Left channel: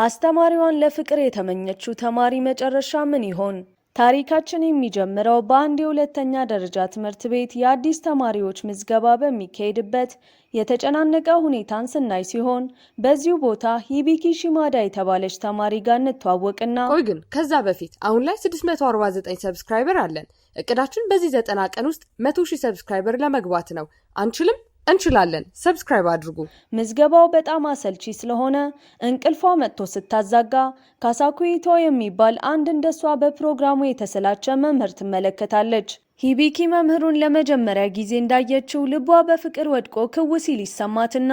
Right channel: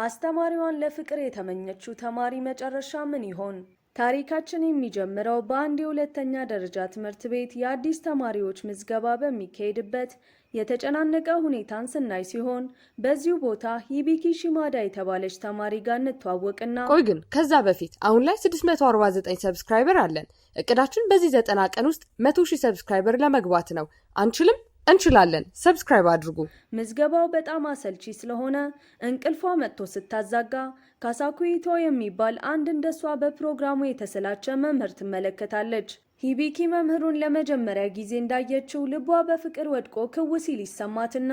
አስተማሪዋን ለፍቅር የተመኘችው ተማሪ መጨረሻ ምን ይሆን? ታሪካችን የሚጀምረው በአንድ የሁለተኛ ደረጃ ትምህርት ቤት የአዲስ ተማሪዎች ምዝገባ በሚካሄድበት የተጨናነቀ ሁኔታን ስናይ ሲሆን በዚሁ ቦታ ሂቢኪ ሺማዳ የተባለች ተማሪ ጋር እንተዋወቅና ቆይ ግን ከዛ በፊት አሁን ላይ 649 ሰብስክራይበር አለን። እቅዳችን በዚህ 90 ቀን ውስጥ 100,000 ሰብስክራይበር ለመግባት ነው። አንችልም? እንችላለን። ሰብስክራይብ አድርጉ። ምዝገባው በጣም አሰልቺ ስለሆነ እንቅልፏ መጥቶ ስታዛጋ ካሳኩይቶ የሚባል አንድ እንደሷ በፕሮግራሙ የተሰላቸ መምህር ትመለከታለች። ሂቢኪ መምህሩን ለመጀመሪያ ጊዜ እንዳየችው ልቧ በፍቅር ወድቆ ክው ሲል ይሰማትና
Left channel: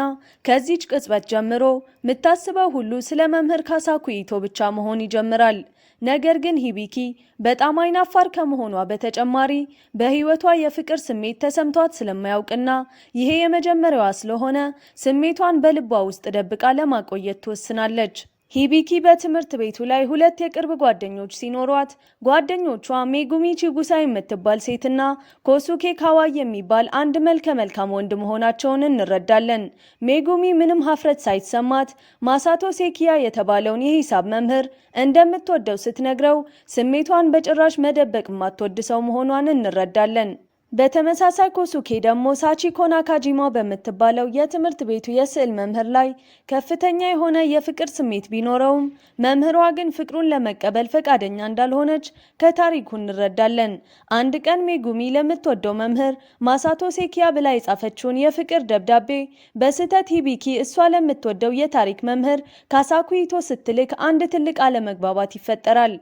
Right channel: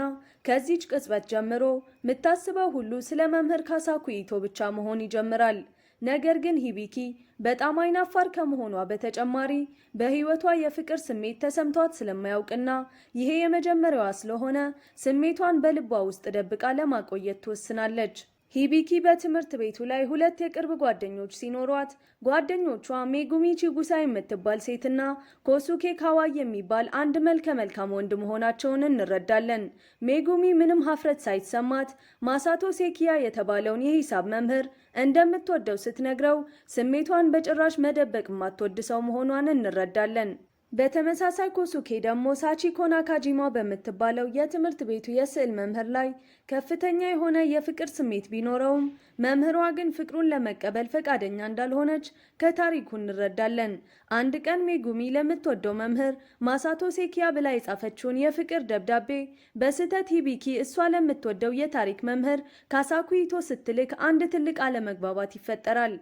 ከዚች ቅጽበት ጀምሮ የምታስበው ሁሉ ስለ መምህር ካሳኩይቶ ብቻ መሆን ይጀምራል። ነገር ግን ሂቢኪ በጣም አይናፋር ከመሆኗ በተጨማሪ በህይወቷ የፍቅር ስሜት ተሰምቷት ስለማያውቅና ይሄ የመጀመሪያዋ ስለሆነ ስሜቷን በልቧ ውስጥ ደብቃ ለማቆየት ትወስናለች። ሂቢኪ በትምህርት ቤቱ ላይ ሁለት የቅርብ ጓደኞች ሲኖሯት ጓደኞቿ ሜጉሚ ቺጉሳ የምትባል ሴትና ኮሱኬ ካዋይ የሚባል አንድ መልከ መልካም ወንድ መሆናቸውን እንረዳለን። ሜጉሚ ምንም ሀፍረት ሳይሰማት ማሳቶ ሴኪያ የተባለውን የሂሳብ መምህር እንደምትወደው ስትነግረው ስሜቷን በጭራሽ መደበቅ የማትወድ ሰው መሆኗን እንረዳለን። በተመሳሳይ ኮሱኬ ደግሞ ሳቺኮ ናካጂማ በምትባለው የትምህርት ቤቱ የስዕል መምህር ላይ ከፍተኛ የሆነ የፍቅር ስሜት ቢኖረውም መምህሯ ግን ፍቅሩን ለመቀበል ፈቃደኛ እንዳልሆነች ከታሪኩ እንረዳለን። አንድ ቀን ሜጉሚ ለምትወደው መምህር ማሳቶ ሴኪያ ብላ የጻፈችውን የፍቅር ደብዳቤ በስህተት ሂቢኪ እሷ ለምትወደው የታሪክ መምህር ካሳኩይቶ ስትልክ አንድ ትልቅ አለመግባባት ይፈጠራል።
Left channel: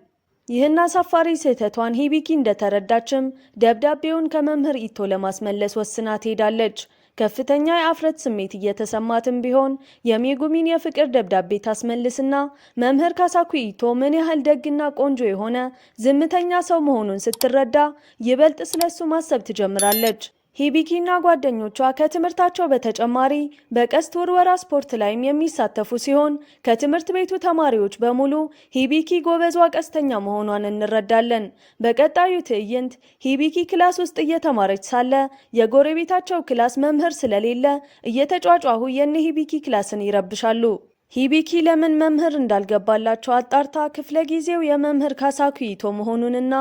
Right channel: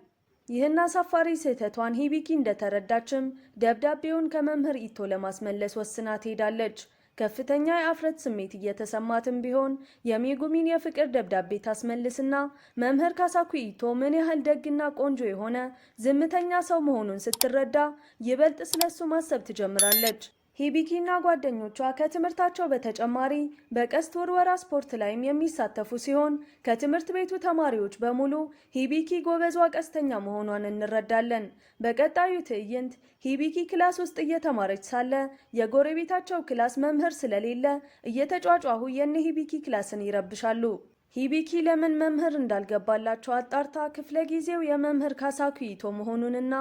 ይህን አሳፋሪ ስህተቷን ሂቢኪ እንደተረዳችም ደብዳቤውን ከመምህር ኢቶ ለማስመለስ ወስና ትሄዳለች። ከፍተኛ የአፍረት ስሜት እየተሰማትም ቢሆን የሜጉሚን የፍቅር ደብዳቤ ታስመልስና መምህር ካሳኩይቶ ምን ያህል ደግና ቆንጆ የሆነ ዝምተኛ ሰው መሆኑን ስትረዳ ይበልጥ ስለሱ ማሰብ ትጀምራለች። ሂቢኪና ጓደኞቿ ከትምህርታቸው በተጨማሪ በቀስት ውርወራ ስፖርት ላይም የሚሳተፉ ሲሆን ከትምህርት ቤቱ ተማሪዎች በሙሉ ሂቢኪ ጎበዟ ቀስተኛ መሆኗን እንረዳለን። በቀጣዩ ትዕይንት ሂቢኪ ክላስ ውስጥ እየተማረች ሳለ የጎረቤታቸው ክላስ መምህር ስለሌለ እየተጫጫሁ የነ ሂቢኪ ክላስን ይረብሻሉ። ሂቢኪ ለምን መምህር እንዳልገባላቸው አጣርታ ክፍለ ጊዜው የመምህር ካሳኩይቶ መሆኑንና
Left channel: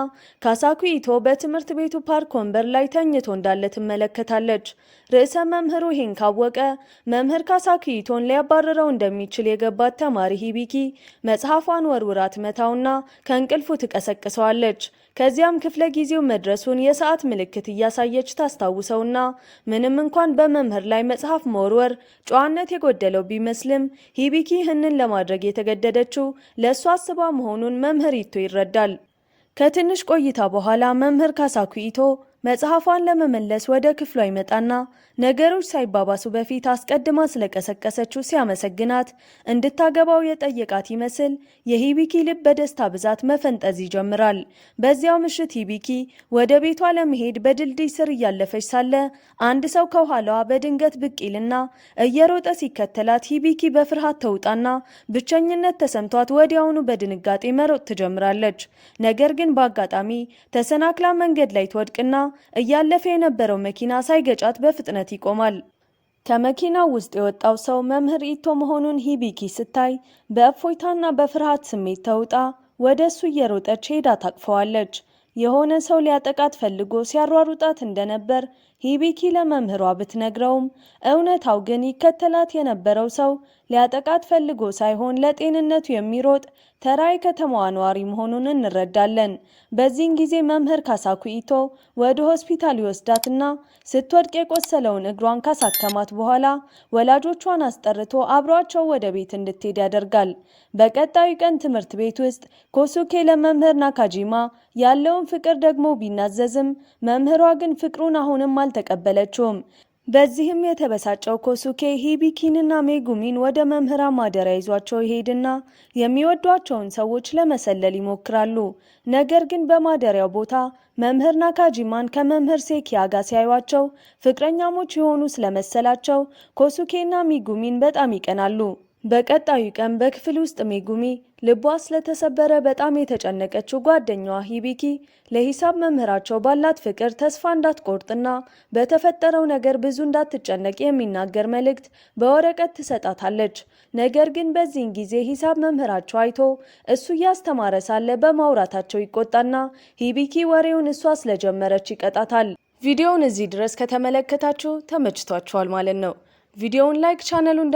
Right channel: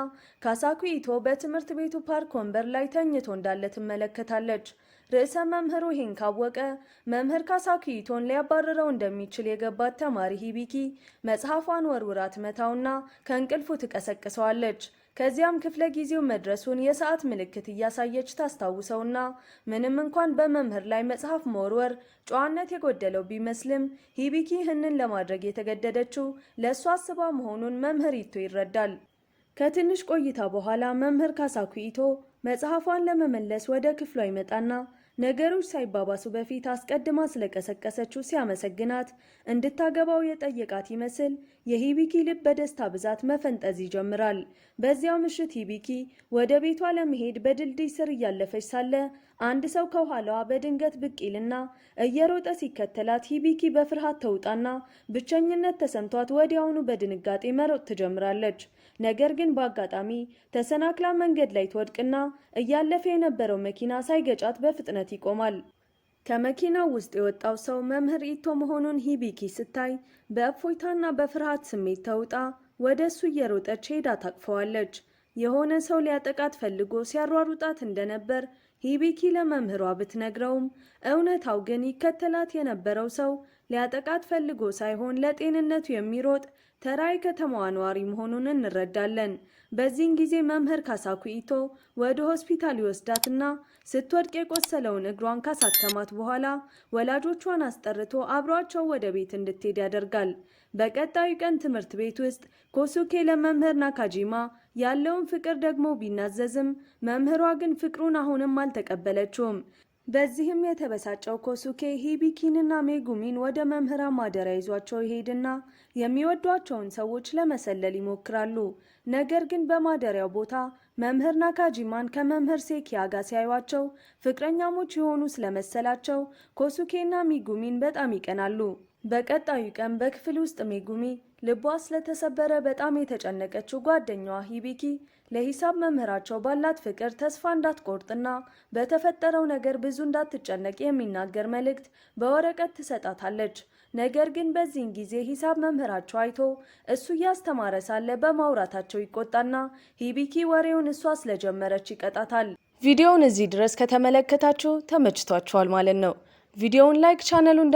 ካሳኩይቶ በትምህርት ቤቱ ፓርክ ወንበር ላይ ተኝቶ እንዳለ ትመለከታለች። ርዕሰ መምህሩ ይህን ካወቀ መምህር ካሳኩይቶን ሊያባረረው እንደሚችል የገባት ተማሪ ሂቢኪ መጽሐፏን ወርውራ ትመታውና ከእንቅልፉ ትቀሰቅሰዋለች። ከዚያም ክፍለ ጊዜው መድረሱን የሰዓት ምልክት እያሳየች ታስታውሰውና ምንም እንኳን በመምህር ላይ መጽሐፍ መወርወር ጨዋነት የጎደለው ቢመስልም ሂቢኪ ይህንን ለማድረግ የተገደደችው ለእሱ አስባ መሆኑን መምህር ኢቶ ይረዳል። ከትንሽ ቆይታ በኋላ መምህር ካሳኩይቶ መጽሐፏን ለመመለስ ወደ ክፍሏ ይመጣና ነገሮች ሳይባባሱ በፊት አስቀድማ ስለቀሰቀሰችው ሲያመሰግናት እንድታገባው የጠየቃት ይመስል የሂቢኪ ልብ በደስታ ብዛት መፈንጠዝ ይጀምራል። በዚያው ምሽት ሂቢኪ ወደ ቤቷ ለመሄድ በድልድይ ስር እያለፈች ሳለ አንድ ሰው ከኋላዋ በድንገት ብቅ ይልና እየሮጠ ሲከተላት ሂቢኪ በፍርሃት ተውጣና ብቸኝነት ተሰምቷት ወዲያውኑ በድንጋጤ መሮጥ ትጀምራለች። ነገር ግን በአጋጣሚ ተሰናክላ መንገድ ላይ ትወድቅና እያለፈ የነበረው መኪና ሳይገጫት በፍጥነት ይቆማል። ከመኪናው ውስጥ የወጣው ሰው መምህር ኢቶ መሆኑን ሂቢኪ ስታይ በእፎይታና በፍርሃት ስሜት ተውጣ ወደ እሱ እየሮጠች ሄዳ ታቅፈዋለች። የሆነ ሰው ሊያጠቃት ፈልጎ ሲያሯሩጣት እንደነበር ሂቢኪ ለመምህሯ ብትነግረውም እውነታው ግን ይከተላት የነበረው ሰው ሊያጠቃት ፈልጎ ሳይሆን ለጤንነቱ የሚሮጥ ተራ የከተማዋ ነዋሪ መሆኑን እንረዳለን። በዚህን ጊዜ መምህር ካሳኩይቶ ወደ ሆስፒታል ይወስዳትና ስትወድቅ የቆሰለውን እግሯን ካሳከማት በኋላ ወላጆቿን አስጠርቶ አብሯቸው ወደ ቤት እንድትሄድ ያደርጋል። በቀጣዩ ቀን ትምህርት ቤት ውስጥ ኮሱኬ ለመምህር ናካጂማ ያለውን ፍቅር ደግሞ ቢናዘዝም መምህሯ ግን ፍቅሩን አሁንም አልተቀበለችውም። በዚህም የተበሳጨው ኮሱኬ ሂቢኪንና ሜጉሚን ወደ መምህራ ማደሪያ ይዟቸው ይሄድና የሚወዷቸውን ሰዎች ለመሰለል ይሞክራሉ። ነገር ግን በማደሪያው ቦታ መምህር ናካጂማን ከመምህር ሴኪያ ጋር ሲያዩቸው ፍቅረኛሞች የሆኑ ስለመሰላቸው ኮሱኬና ሜጉሚን በጣም ይቀናሉ። በቀጣዩ ቀን በክፍል ውስጥ ሜጉሚ ልቧ ስለተሰበረ በጣም የተጨነቀችው ጓደኛዋ ሂቢኪ ለሂሳብ መምህራቸው ባላት ፍቅር ተስፋ እንዳትቆርጥና በተፈጠረው ነገር ብዙ እንዳትጨነቅ የሚናገር መልእክት በወረቀት ትሰጣታለች። ነገር ግን በዚህን ጊዜ ሂሳብ መምህራቸው አይቶ እሱ እያስተማረ ሳለ በማውራታቸው ይቆጣና ሂቢኪ ወሬውን እሷ ስለጀመረች ይቀጣታል። ቪዲዮውን እዚህ ድረስ ከተመለከታችሁ ተመችቷችኋል ማለት ነው። ቪዲዮውን ላይክ ቻናሉን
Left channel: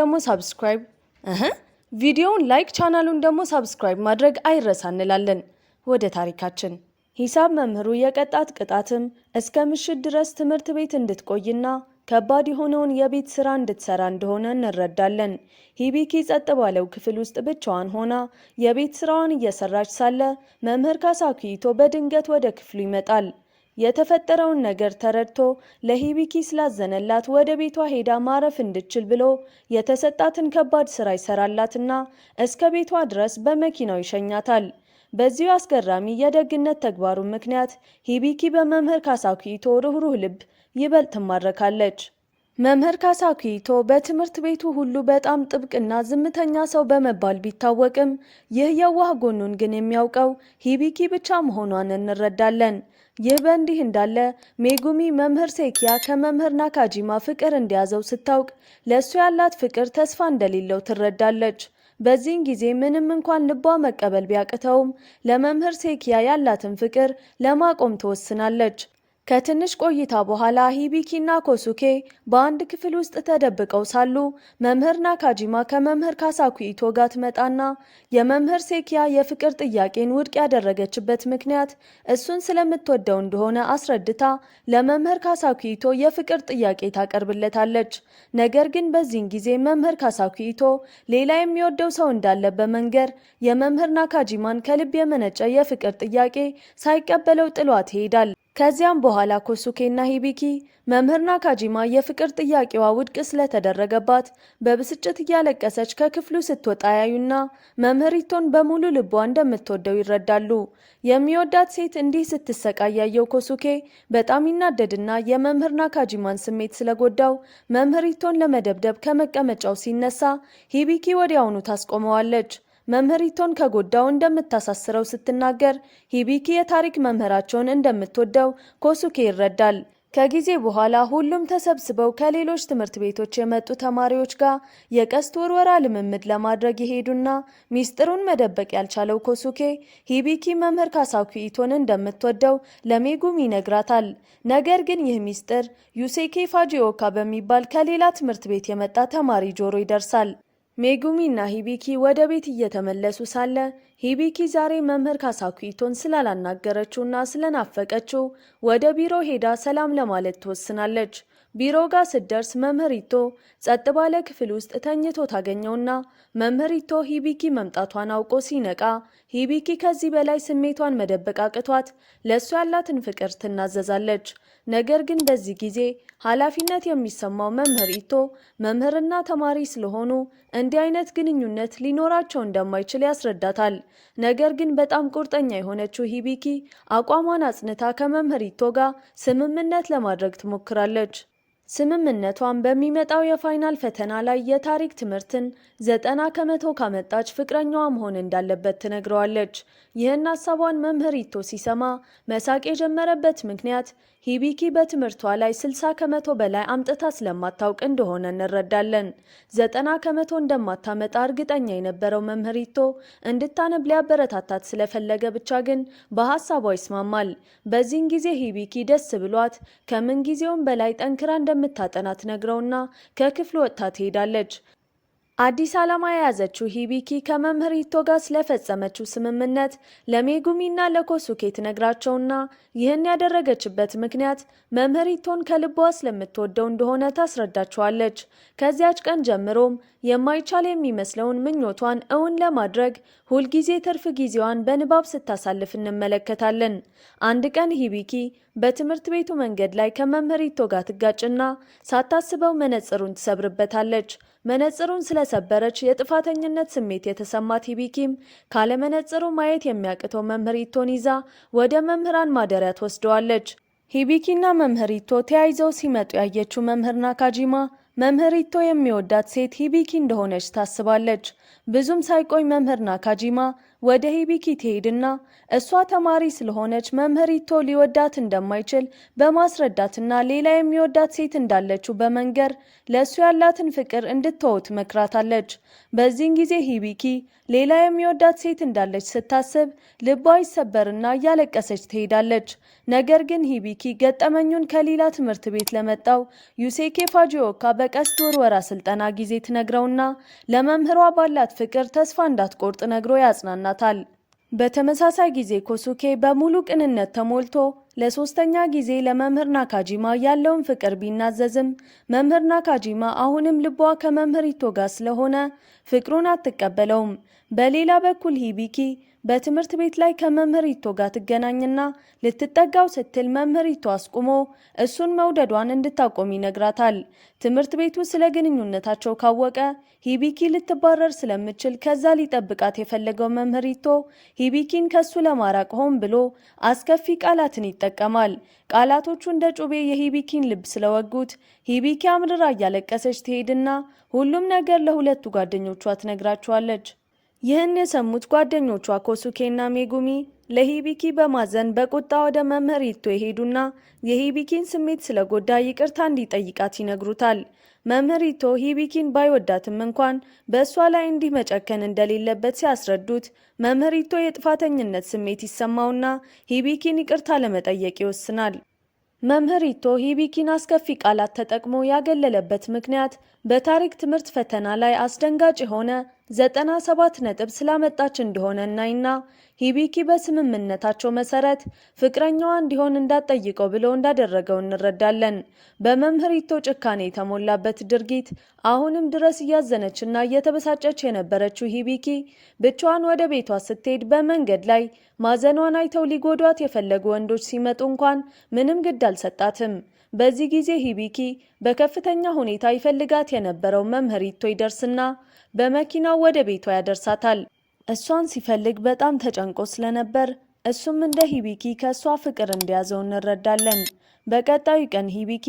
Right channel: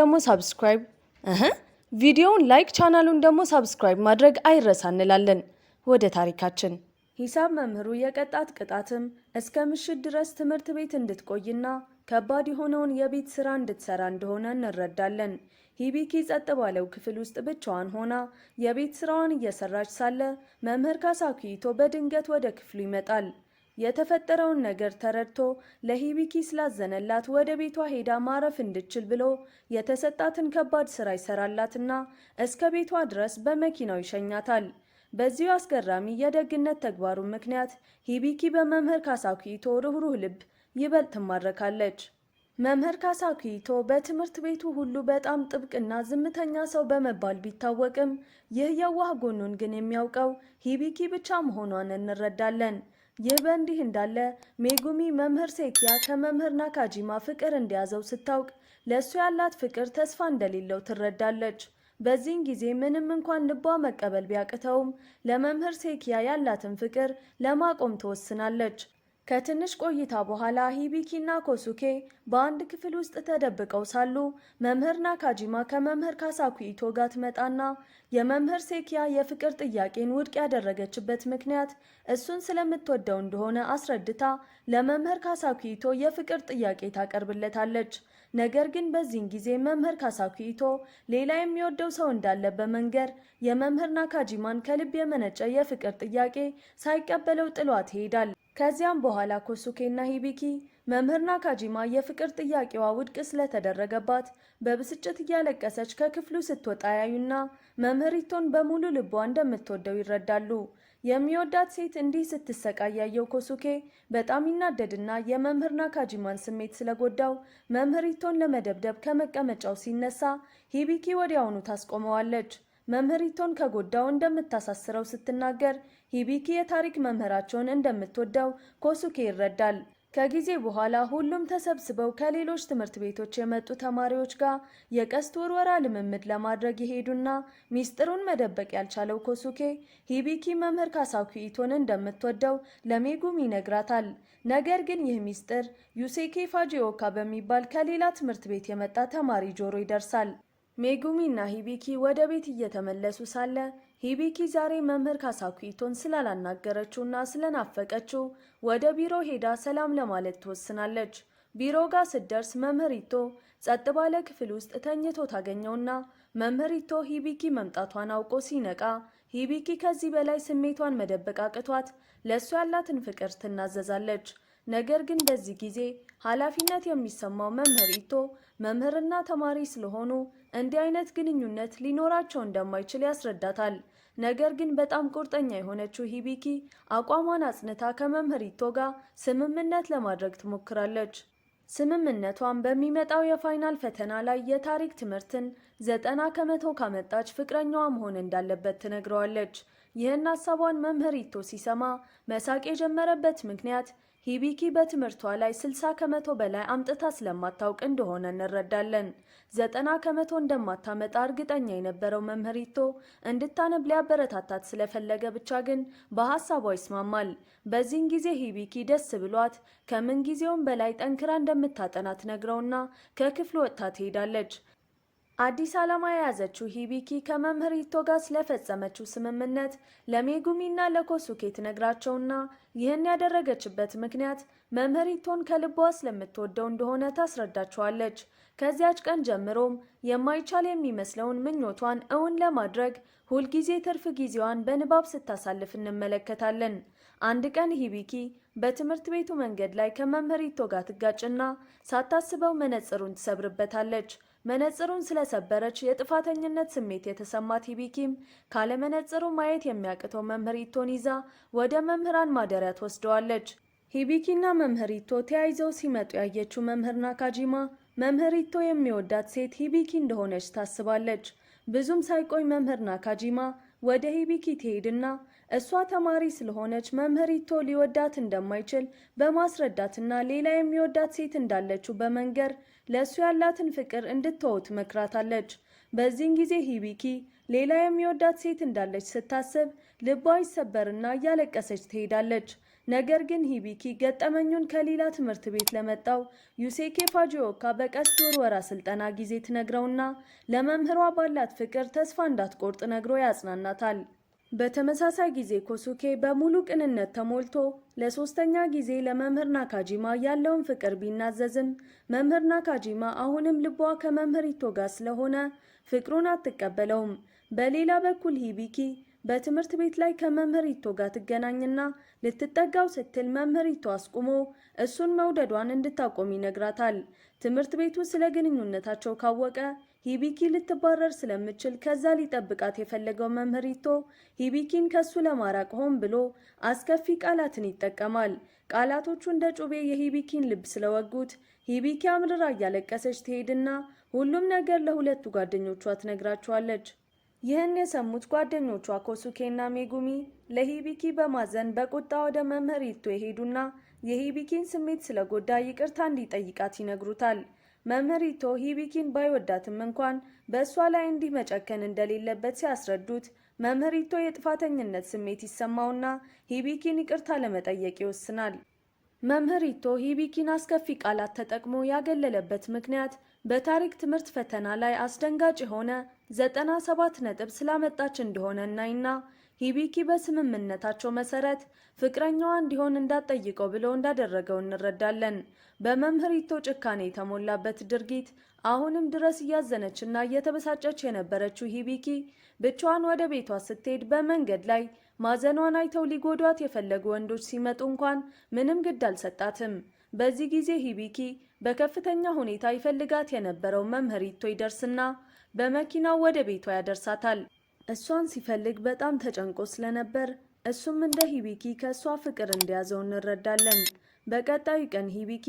ደግሞ ሰብስክራይብ ማድረግ አይረሳ እንላለን። ወደ ታሪካችን ሂሳብ መምህሩ የቀጣት ቅጣትም እስከ ምሽት ድረስ ትምህርት ቤት እንድትቆይና ከባድ የሆነውን የቤት ስራ እንድትሰራ እንደሆነ እንረዳለን። ሂቢኪ ጸጥ ባለው ክፍል ውስጥ ብቻዋን ሆና የቤት ስራዋን እየሰራች ሳለ መምህር ካሳኪቶ በድንገት ወደ ክፍሉ ይመጣል። የተፈጠረውን ነገር ተረድቶ ለሂቢኪ ስላዘነላት ወደ ቤቷ ሄዳ ማረፍ እንድችል ብሎ የተሰጣትን ከባድ ስራ ይሰራላትና እስከ ቤቷ ድረስ በመኪናው ይሸኛታል። በዚሁ አስገራሚ የደግነት ተግባሩ ምክንያት ሂቢኪ በመምህር ካሳኪቶ ርኅሩህ ልብ ይበልጥ ትማረካለች። መምህር ካሳኪቶ በትምህርት ቤቱ ሁሉ በጣም ጥብቅና ዝምተኛ ሰው በመባል ቢታወቅም ይህ የዋህ ጎኑን ግን የሚያውቀው ሂቢኪ ብቻ መሆኗን እንረዳለን። ይህ በእንዲህ እንዳለ ሜጉሚ መምህር ሴኪያ ከመምህር ናካጂማ ፍቅር እንደያዘው ስታውቅ ለእሱ ያላት ፍቅር ተስፋ እንደሌለው ትረዳለች። በዚህን ጊዜ ምንም እንኳን ልቧ መቀበል ቢያቅተውም ለመምህር ሴኪያ ያላትን ፍቅር ለማቆም ትወስናለች። ከትንሽ ቆይታ በኋላ ሂቢኪና ኮሱኬ በአንድ ክፍል ውስጥ ተደብቀው ሳሉ መምህር ናካጂማ ከመምህር ካሳኪቶ ጋር ትመጣና የመምህር ሴኪያ የፍቅር ጥያቄን ውድቅ ያደረገችበት ምክንያት እሱን ስለምትወደው እንደሆነ አስረድታ ለመምህር ካሳኪቶ የፍቅር ጥያቄ ታቀርብለታለች። ነገር ግን በዚህን ጊዜ መምህር ካሳኪቶ ሌላ የሚወደው ሰው እንዳለ በመንገር የመምህር ናካጂማን ከልብ የመነጨ የፍቅር ጥያቄ ሳይቀበለው ጥሏት ይሄዳል። ከዚያም በኋላ ኮሱኬና ሂቢኪ መምህር ናካጂማ የፍቅር ጥያቄዋ ውድቅ ስለተደረገባት በብስጭት እያለቀሰች ከክፍሉ ስትወጣ ያዩና መምህሪቶን በሙሉ ልቧ እንደምትወደው ይረዳሉ። የሚወዳት ሴት እንዲህ ስትሰቃይ ያየው ኮሱኬ በጣም ይናደድና የመምህር ናካጂማን ስሜት ስለጎዳው መምህሪቶን ለመደብደብ ከመቀመጫው ሲነሳ ሂቢኪ ወዲያውኑ ታስቆመዋለች። መምህሪቶን ከጎዳው እንደምታሳስረው ስትናገር ሂቢኪ የታሪክ መምህራቸውን እንደምትወደው ኮሱኬ ይረዳል። ከጊዜ በኋላ ሁሉም ተሰብስበው ከሌሎች ትምህርት ቤቶች የመጡ ተማሪዎች ጋር የቀስት ውርወራ ልምምድ ለማድረግ የሄዱና ሚስጥሩን መደበቅ ያልቻለው ኮሱኬ ሂቢኪ መምህር ካሳኪቶን እንደምትወደው ለሜጉሚ ይነግራታል። ነገር ግን ይህ ሚስጥር ዩሴኬ ፋጂኦካ በሚባል ከሌላ ትምህርት ቤት የመጣ ተማሪ ጆሮ ይደርሳል። ሜጉሚ እና ሂቢኪ ወደ ቤት እየተመለሱ ሳለ ሂቢኪ ዛሬ መምህር ካሳኪቶን ስላላናገረችውና ስለናፈቀችው ወደ ቢሮ ሄዳ ሰላም ለማለት ትወስናለች። ቢሮ ጋር ስትደርስ መምህሪቶ ጸጥ ባለ ክፍል ውስጥ ተኝቶ ታገኘውና መምህሪቶ ሂቢኪ መምጣቷን አውቆ ሲነቃ ሂቢኪ ከዚህ በላይ ስሜቷን መደበቅ አቅቷት ለእሱ ያላትን ፍቅር ትናዘዛለች። ነገር ግን በዚህ ጊዜ ኃላፊነት የሚሰማው መምህሪቶ መምህርና ተማሪ ስለሆኑ እንዲህ አይነት ግንኙነት ሊኖራቸው እንደማይችል ያስረዳታል። ነገር ግን በጣም ቁርጠኛ የሆነችው ሂቢኪ አቋሟን አጽንታ ከመምህሪቶ ጋር ስምምነት ለማድረግ ትሞክራለች። ስምምነቷን በሚመጣው የፋይናል ፈተና ላይ የታሪክ ትምህርትን 90% ካመጣች ፍቅረኛዋ መሆን እንዳለበት ትነግረዋለች። ይህን ሀሳቧን መምህሪቶ ሲሰማ መሳቅ የጀመረበት ምክንያት ሂቢኪ በትምህርቷ ላይ 60% በላይ አምጥታ ስለማታውቅ እንደሆነ እንረዳለን። 90% እንደማታመጣ እርግጠኛ የነበረው መምህሪቶ እንድታነብ ሊያበረታታት ስለፈለገ ብቻ ግን በሀሳቧ ይስማማል። በዚህን ጊዜ ሂቢኪ ደስ ብሏት ከምን ጊዜውም በላይ ጠንክራ እንደምታጠና ትነግረውና ከክፍሉ ወጥታ ትሄዳለች። አዲስ ዓላማ የያዘችው ሂቢኪ ከመምህሪቶ ጋር ስለፈጸመችው ስምምነት ለሜጉሚና ለኮሱኬ ትነግራቸውና ይህን ያደረገችበት ምክንያት መምህሪቶን ከልቧ ስለምትወደው እንደሆነ ታስረዳቸዋለች። ከዚያች ቀን ጀምሮም የማይቻል የሚመስለውን ምኞቷን እውን ለማድረግ ሁልጊዜ ትርፍ ጊዜዋን በንባብ ስታሳልፍ እንመለከታለን። አንድ ቀን ሂቢኪ በትምህርት ቤቱ መንገድ ላይ ከመምህሪቶ ጋር ትጋጭና ሳታስበው መነጽሩን ትሰብርበታለች። መነጽሩን ስለሰበረች የጥፋተኝነት ስሜት የተሰማት ሂቢኪም ካለመነጽሩ ማየት የሚያቅተው መምህሪቶን ይዛ ወደ መምህራን ማደሪያ ትወስደዋለች። ሂቢኪና መምህሪቶ ተያይዘው ሲመጡ ያየችው መምህር ናካጂማ መምህሪቶ የሚወዳት ሴት ሂቢኪ እንደሆነች ታስባለች። ብዙም ሳይቆይ መምህር ናካጂማ ወደ ሂቢኪ ትሄድና እሷ ተማሪ ስለሆነች መምህሪቶ ሊወዳት እንደማይችል በማስረዳትና ሌላ የሚወዳት ሴት እንዳለችው በመንገር ለእሱ ያላትን ፍቅር እንድትተው ትመክራታለች። በዚህን ጊዜ ሂቢኪ ሌላ የሚወዳት ሴት እንዳለች ስታስብ ልቧ ይሰበርና እያለቀሰች ትሄዳለች። ነገር ግን ሂቢኪ ገጠመኙን ከሌላ ትምህርት ቤት ለመጣው ዩሴኬ ፋጂኦካ በቀስት ውርወራ ስልጠና ጊዜ ትነግረውና ለመምህሯ ባላት ፍቅር ተስፋ እንዳትቆርጥ ነግሮ ያጽናናታል። በተመሳሳይ ጊዜ ኮሱኬ በሙሉ ቅንነት ተሞልቶ ለሶስተኛ ጊዜ ለመምህር ናካጂማ ያለውን ፍቅር ቢናዘዝም መምህር ናካጂማ አሁንም ልቧ ከመምህሪቶ ጋር ስለሆነ ፍቅሩን አትቀበለውም። በሌላ በኩል ሂቢኪ በትምህርት ቤት ላይ ከመምህሪቶ ጋር ትገናኝና ልትጠጋው ስትል መምህሪቶ አስቁሞ እሱን መውደዷን እንድታቆም ይነግራታል። ትምህርት ቤቱ ስለ ግንኙነታቸው ካወቀ ሂቢኪ ልትባረር ስለምችል ከዛ ሊጠብቃት የፈለገው መምህሪቶ ሂቢኪን ከሱ ለማራቅ ሆን ብሎ አስከፊ ቃላትን ይጠቀማል። ቃላቶቹ እንደ ጩቤ የሂቢኪን ልብ ስለወጉት ሂቢኪ አምርራ እያለቀሰች ትሄድና ሁሉም ነገር ለሁለቱ ጓደኞቿ ትነግራቸዋለች። ይህን የሰሙት ጓደኞቿ ኮሱኬና ሜጉሚ ለሂቢኪ በማዘን በቁጣ ወደ መምህሪቶ የሄዱና የሂቢኪን ስሜት ስለጎዳ ይቅርታ እንዲጠይቃት ይነግሩታል። መምህሪቶ ሂቢኪን ባይወዳትም እንኳን በእሷ ላይ እንዲህ መጨከን እንደሌለበት ሲያስረዱት መምህሪቶ የጥፋተኝነት ስሜት ይሰማውና ሂቢኪን ይቅርታ ለመጠየቅ ይወስናል። መምህሪቶ ሂቢኪን አስከፊ ቃላት ተጠቅሞ ያገለለበት ምክንያት በታሪክ ትምህርት ፈተና ላይ አስደንጋጭ የሆነ 97 ነጥብ ስላመጣች እንደሆነ እናይና ሂቢኪ በስምምነታቸው መሰረት ፍቅረኛዋ እንዲሆን እንዳትጠይቀው ብሎ እንዳደረገው እንረዳለን። በመምህሪቶ ጭካኔ የተሞላበት ድርጊት አሁንም ድረስ እያዘነችና እየተበሳጨች የነበረችው ሂቢኪ ብቻዋን ወደ ቤቷ ስትሄድ በመንገድ ላይ ማዘኗን አይተው ሊጎዷት የፈለጉ ወንዶች ሲመጡ እንኳን ምንም ግድ አልሰጣትም። በዚህ ጊዜ ሂቢኪ በከፍተኛ ሁኔታ ይፈልጋት የነበረው መምህሪቶ ይደርስና በመኪናው ወደ ቤቷ ያደርሳታል። እሷን ሲፈልግ በጣም ተጨንቆ ስለነበር እሱም እንደ ሂቢኪ ከእሷ ፍቅር እንደያዘው እንረዳለን። በቀጣዩ ቀን ሂቢኪ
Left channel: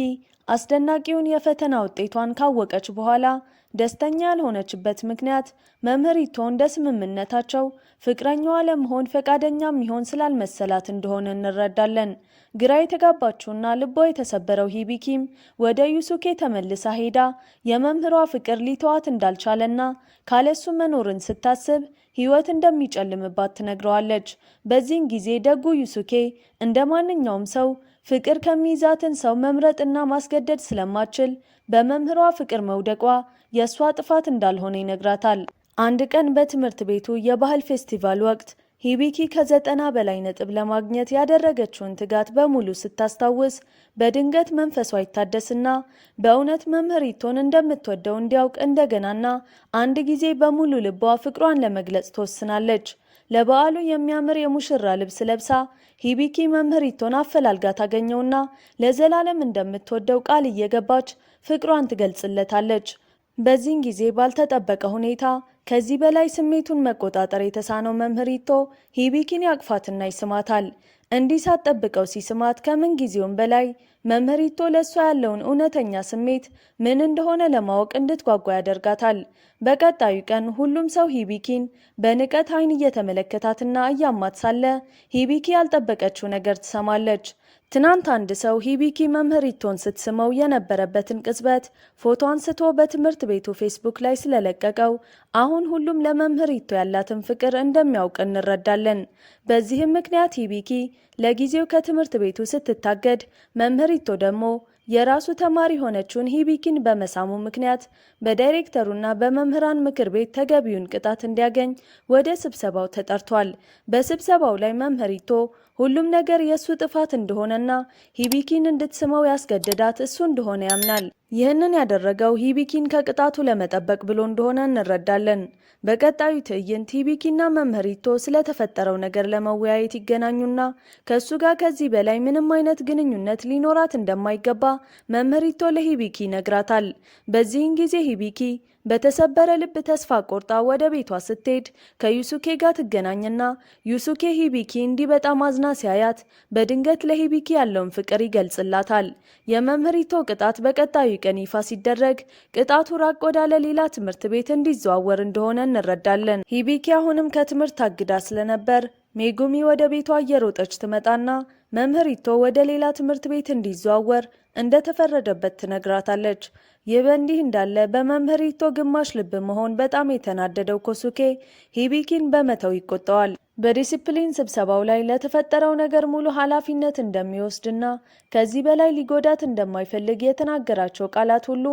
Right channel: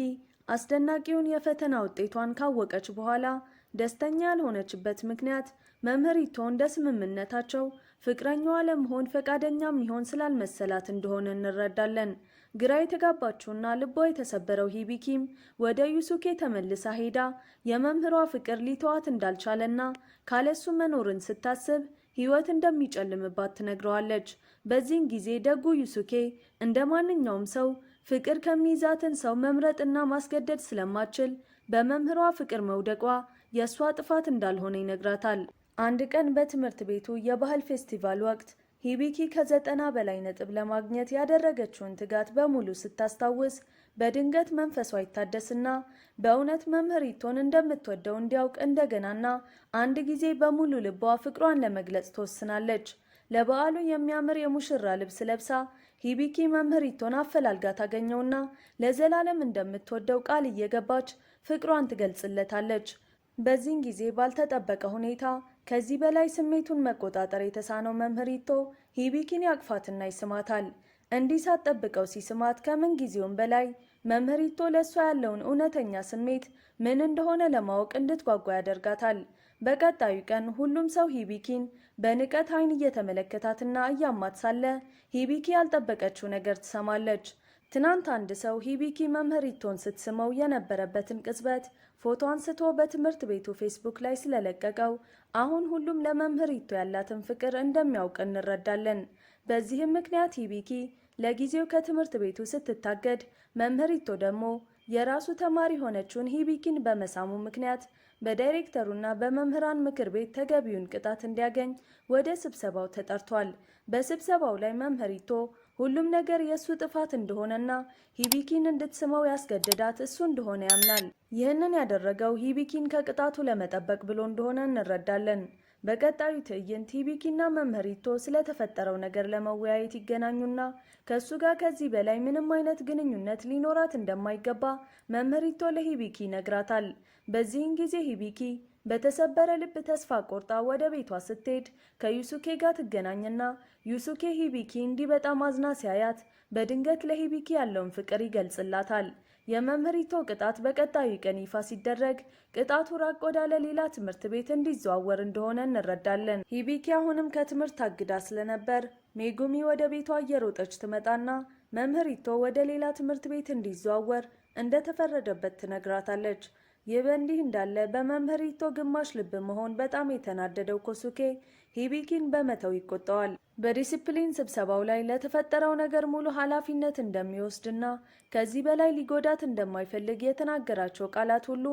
አስደናቂውን የፈተና ውጤቷን ካወቀች በኋላ ደስተኛ ያልሆነችበት ምክንያት መምህሪቶ እንደ ስምምነታቸው ፍቅረኛዋ ለመሆን ፈቃደኛ የሚሆን ስላልመሰላት እንደሆነ እንረዳለን። ግራ የተጋባችውና ልቧ የተሰበረው ሂቢኪም ወደ ዩሱኬ ተመልሳ ሄዳ የመምህሯ ፍቅር ሊተዋት እንዳልቻለና ካለሱ መኖርን ስታስብ ሕይወት እንደሚጨልምባት ትነግረዋለች። በዚህን ጊዜ ደጉ ዩሱኬ እንደ ማንኛውም ሰው ፍቅር ከሚይዛትን ሰው መምረጥና ማስገደድ ስለማችል በመምህሯ ፍቅር መውደቋ የእሷ ጥፋት እንዳልሆነ ይነግራታል። አንድ ቀን በትምህርት ቤቱ የባህል ፌስቲቫል ወቅት ሂቢኪ ከ90 በላይ ነጥብ ለማግኘት ያደረገችውን ትጋት በሙሉ ስታስታውስ በድንገት መንፈሷ ይታደስና በእውነት መምህሪቶን እንደምትወደው እንዲያውቅ እንደገናና አንድ ጊዜ በሙሉ ልቧ ፍቅሯን ለመግለጽ ትወስናለች። ለበዓሉ የሚያምር የሙሽራ ልብስ ለብሳ ሂቢኪ መምህሪቶን አፈላልጋ ታገኘውና ለዘላለም እንደምትወደው ቃል እየገባች ፍቅሯን ትገልጽለታለች። በዚህን ጊዜ ባልተጠበቀ ሁኔታ ከዚህ በላይ ስሜቱን መቆጣጠር የተሳነው መምህሪቶ ሂቢኪን ያቅፋትና ይስማታል። እንዲህ ሳትጠብቀው ሲስማት ከምን ጊዜውም በላይ መምህሪቶ ለእሷ ያለውን እውነተኛ ስሜት ምን እንደሆነ ለማወቅ እንድትጓጓ ያደርጋታል። በቀጣዩ ቀን ሁሉም ሰው ሂቢኪን በንቀት ዓይን እየተመለከታትና እያማት ሳለ ሂቢኪ ያልጠበቀችው ነገር ትሰማለች። ትናንት አንድ ሰው ሂቢኪ መምህሪቶን ስትስመው የነበረበትን ቅጽበት ፎቶ አንስቶ በትምህርት ቤቱ ፌስቡክ ላይ ስለለቀቀው አሁን ሁሉም ለመምህሪቶ ያላትን ፍቅር እንደሚያውቅ እንረዳለን። በዚህም ምክንያት ሂቢኪ ለጊዜው ከትምህርት ቤቱ ስትታገድ፣ መምህሪቶ ደግሞ የራሱ ተማሪ ሆነችውን ሂቢኪን በመሳሙ ምክንያት በዳይሬክተሩና በመምህራን ምክር ቤት ተገቢውን ቅጣት እንዲያገኝ ወደ ስብሰባው ተጠርቷል። በስብሰባው ላይ መምህሪቶ ሁሉም ነገር የእሱ ጥፋት እንደሆነና ሂቢኪን እንድትስመው ያስገደዳት እሱ እንደሆነ ያምናል። ይህንን ያደረገው ሂቢኪን ከቅጣቱ ለመጠበቅ ብሎ እንደሆነ እንረዳለን። በቀጣዩ ትዕይንት ሂቢኪና መምህሪቶ ስለተፈጠረው ነገር ለመወያየት ይገናኙና ከእሱ ጋር ከዚህ በላይ ምንም አይነት ግንኙነት ሊኖራት እንደማይገባ መምህሪቶ ለሂቢኪ ይነግራታል። በዚህን ጊዜ ሂቢኪ በተሰበረ ልብ ተስፋ ቆርጣ ወደ ቤቷ ስትሄድ ከዩሱኬ ጋር ትገናኝና ዩሱኬ ሂቢኪ እንዲህ በጣም አዝና ሲያያት በድንገት ለሂቢኪ ያለውን ፍቅር ይገልጽላታል። የመምህሪቶ ቅጣት በቀጣዩ ቀን ይፋ ሲደረግ ቅጣቱ ራቅ ወዳለ ሌላ ትምህርት ቤት እንዲዘዋወር እንደሆነ እንረዳለን። ሂቢኪ አሁንም ከትምህርት ታግዳ ስለነበር ሜጉሚ ወደ ቤቷ እየሮጠች ትመጣና መምህሪቶ ወደ ሌላ ትምህርት ቤት እንዲዘዋወር እንደተፈረደበት ትነግራታለች። ይህ በእንዲህ እንዳለ በመምህሪቶ ግማሽ ልብ መሆን በጣም የተናደደው ኮሱኬ ሂቢኪን በመተው ይቆጠዋል። በዲሲፕሊን ስብሰባው ላይ ለተፈጠረው ነገር ሙሉ ኃላፊነት እንደሚወስድና ከዚህ በላይ ሊጎዳት እንደማይፈልግ የተናገራቸው ቃላት ሁሉ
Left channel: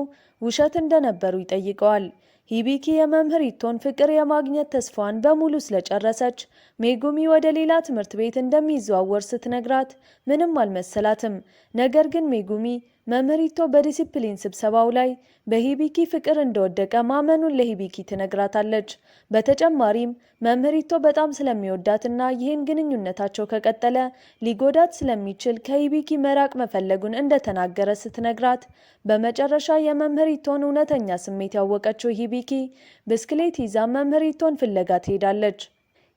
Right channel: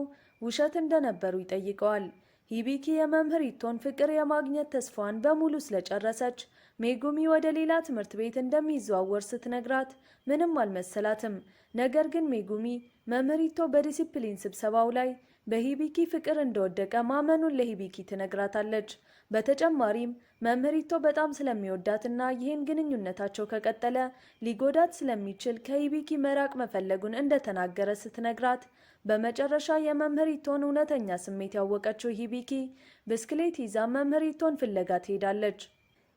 ውሸት እንደነበሩ ይጠይቀዋል። ሂቢኪ የመምህሪቶን ፍቅር የማግኘት ተስፋዋን በሙሉ ስለጨረሰች ሜጉሚ ወደ ሌላ ትምህርት ቤት እንደሚዘዋወር ስትነግራት ምንም አልመሰላትም። ነገር ግን ሜጉሚ መምህሪቶ በዲሲፕሊን ስብሰባው ላይ በሂቢኪ ፍቅር እንደወደቀ ማመኑን ለሂቢኪ ትነግራታለች። በተጨማሪም መምህሪቶ በጣም ስለሚወዳትና ይህን ግንኙነታቸው ከቀጠለ ሊጎዳት ስለሚችል ከሂቢኪ መራቅ መፈለጉን እንደተናገረ ስትነግራት በመጨረሻ የመምህሪቶን እውነተኛ ስሜት ያወቀችው ሂቢኪ ብስክሌት ይዛ መምህሪቶን ፍለጋ ትሄዳለች።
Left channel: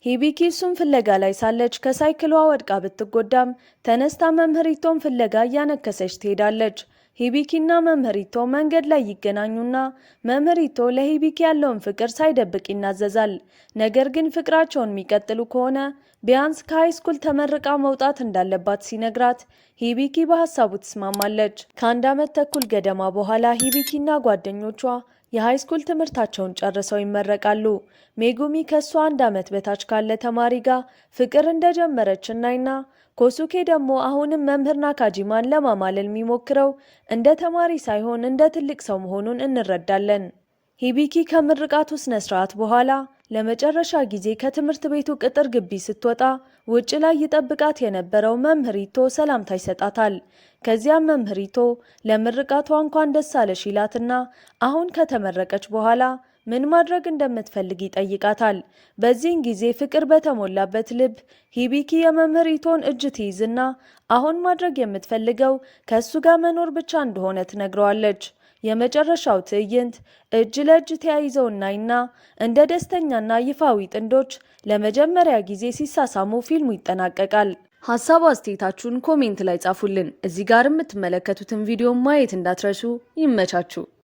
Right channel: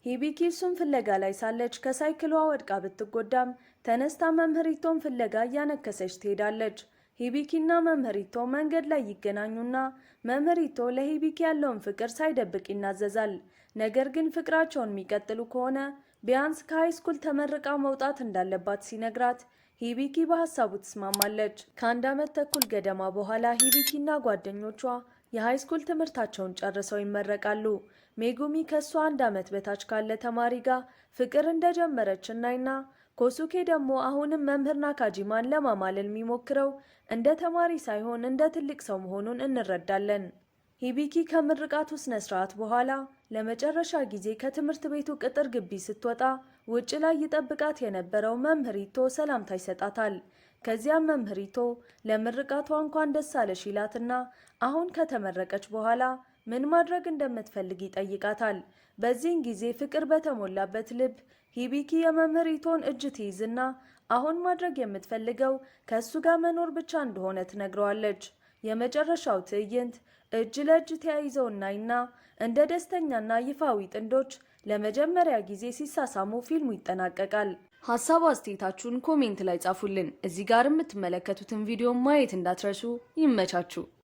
ሂቢኪ እሱን ፍለጋ ላይ ሳለች ከሳይክሏ ወድቃ ብትጎዳም ተነስታ መምህሪቶን ፍለጋ እያነከሰች ትሄዳለች። ሂቢኪና መምህሪቶ መንገድ ላይ ይገናኙና መምህሪቶ ለሂቢኪ ያለውን ፍቅር ሳይደብቅ ይናዘዛል። ነገር ግን ፍቅራቸውን የሚቀጥሉ ከሆነ ቢያንስ ከሃይስኩል ተመርቃ መውጣት እንዳለባት ሲነግራት ሂቢኪ በሀሳቡ ትስማማለች። ከ1 ዓመት ተኩል ገደማ በኋላ ሂቢኪና ጓደኞቿ የሃይስኩል ትምህርታቸውን ጨርሰው ይመረቃሉ። ሜጉሚ ከሷ 1 ዓመት በታች ካለ ተማሪ ጋር ፍቅር እንደጀመረች እናይና ኮሱኬ ደግሞ አሁንም መምህር ናካጂማን ለማማለል የሚሞክረው እንደ ተማሪ ሳይሆን እንደ ትልቅ ሰው መሆኑን እንረዳለን። ሂቢኪ ከምርቃቱ ስነ ስርዓት በኋላ ለመጨረሻ ጊዜ ከትምህርት ቤቱ ቅጥር ግቢ ስትወጣ ውጭ ላይ ይጠብቃት የነበረው መምህሪቶ ሰላምታ ይሰጣታል። ከዚያም መምህሪቶ ለምርቃቷ እንኳን ደስ አለሽ ይላትና አሁን ከተመረቀች በኋላ ምን ማድረግ እንደምትፈልግ ይጠይቃታል። በዚህን ጊዜ ፍቅር በተሞላበት ልብ ሂቢኪ የመምህሪቶን እጅ ትይዝና አሁን ማድረግ የምትፈልገው ከእሱ ጋር መኖር ብቻ እንደሆነ ትነግረዋለች። የመጨረሻው ትዕይንት እጅ ለእጅ ተያይዘው እናይና እንደ ደስተኛና ይፋዊ ጥንዶች ለመጀመሪያ ጊዜ ሲሳሳሙ ፊልሙ ይጠናቀቃል። ሀሳብ አስተያየታችሁን ኮሜንት ላይ ጻፉልን። እዚህ ጋር የምትመለከቱትን ቪዲዮ ማየት እንዳትረሱ። ይመቻችሁ።